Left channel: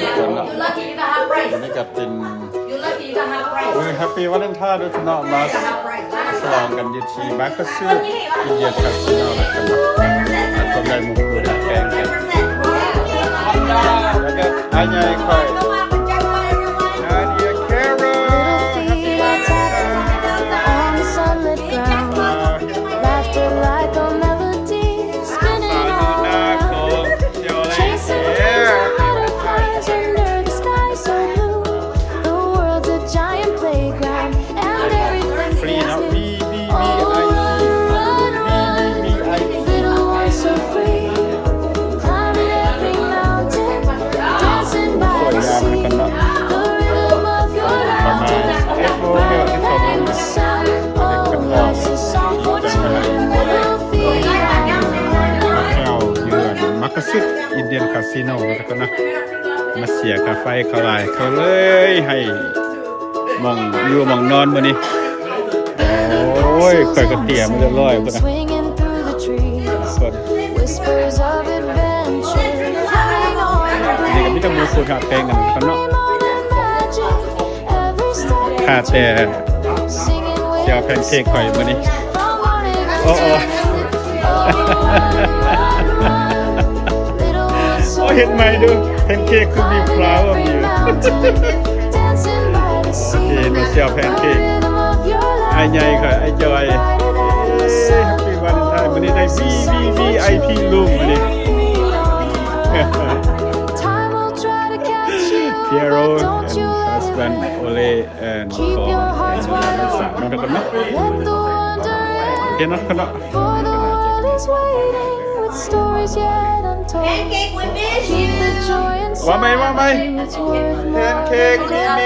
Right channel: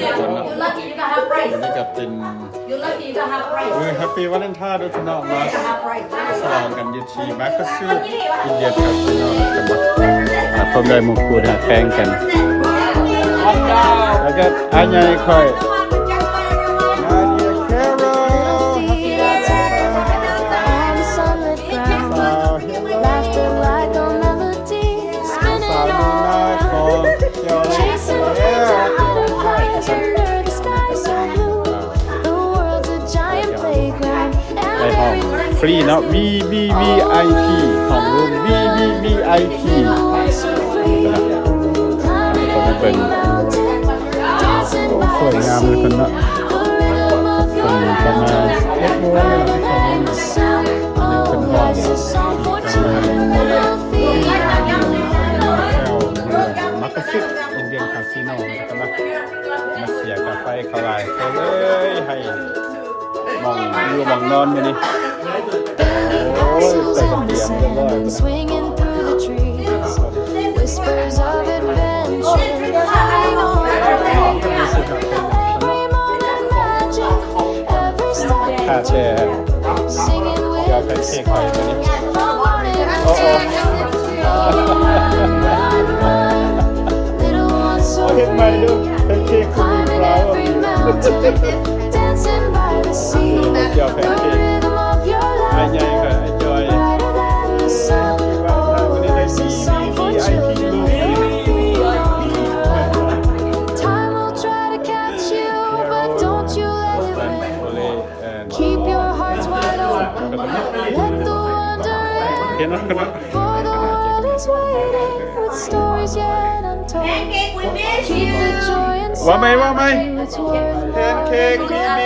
ทุกคนเนาะวันนี้ก็เป็นHappy Valentine ด้วยพี่น้องมาสลองกันอยู่ที่มาร์คซีอินเดียคาสิโนนะครับพร้อมได้มุกคูดแข่งกันแล้วก็อันใหญ่ค่อยLittle feet are tapping on the sunlit ground. Laughter like a melody spinning all around. Chasing dreams and butterflies under the sky so blue. The world's a giant playground and everything feels new. Oh, run, run, little ones so free. Climbing every mountain, dancing by the sea.The rhythm of your laughter, brighter than the sun. Oh, life's a song for children, little feet on the run. มักซิอินเดียคาสิโนนะครับนะมาเสียค่าไฟเขาหลายเขาเลยให้มองอยู่มองนอนมื้อนี้ Building castles in the sand, swinging through the trees. Whispers of adventure, floating on the breeze. Every moment magic, every step into singing with the stars from morning until noon. Oh, run, run, run, little ones so free. Climbing every mountain, dancing by the sea. The rhythm of your laughter, brighter than the sun. Oh, life's a song for children, little feet on the run. Time will try to catch you, but don't you let it win. Keep your hearts wide open, let the wonder in. For the world is waiting with stories yet untold. Keep the joy inside you, it's worth more than gold.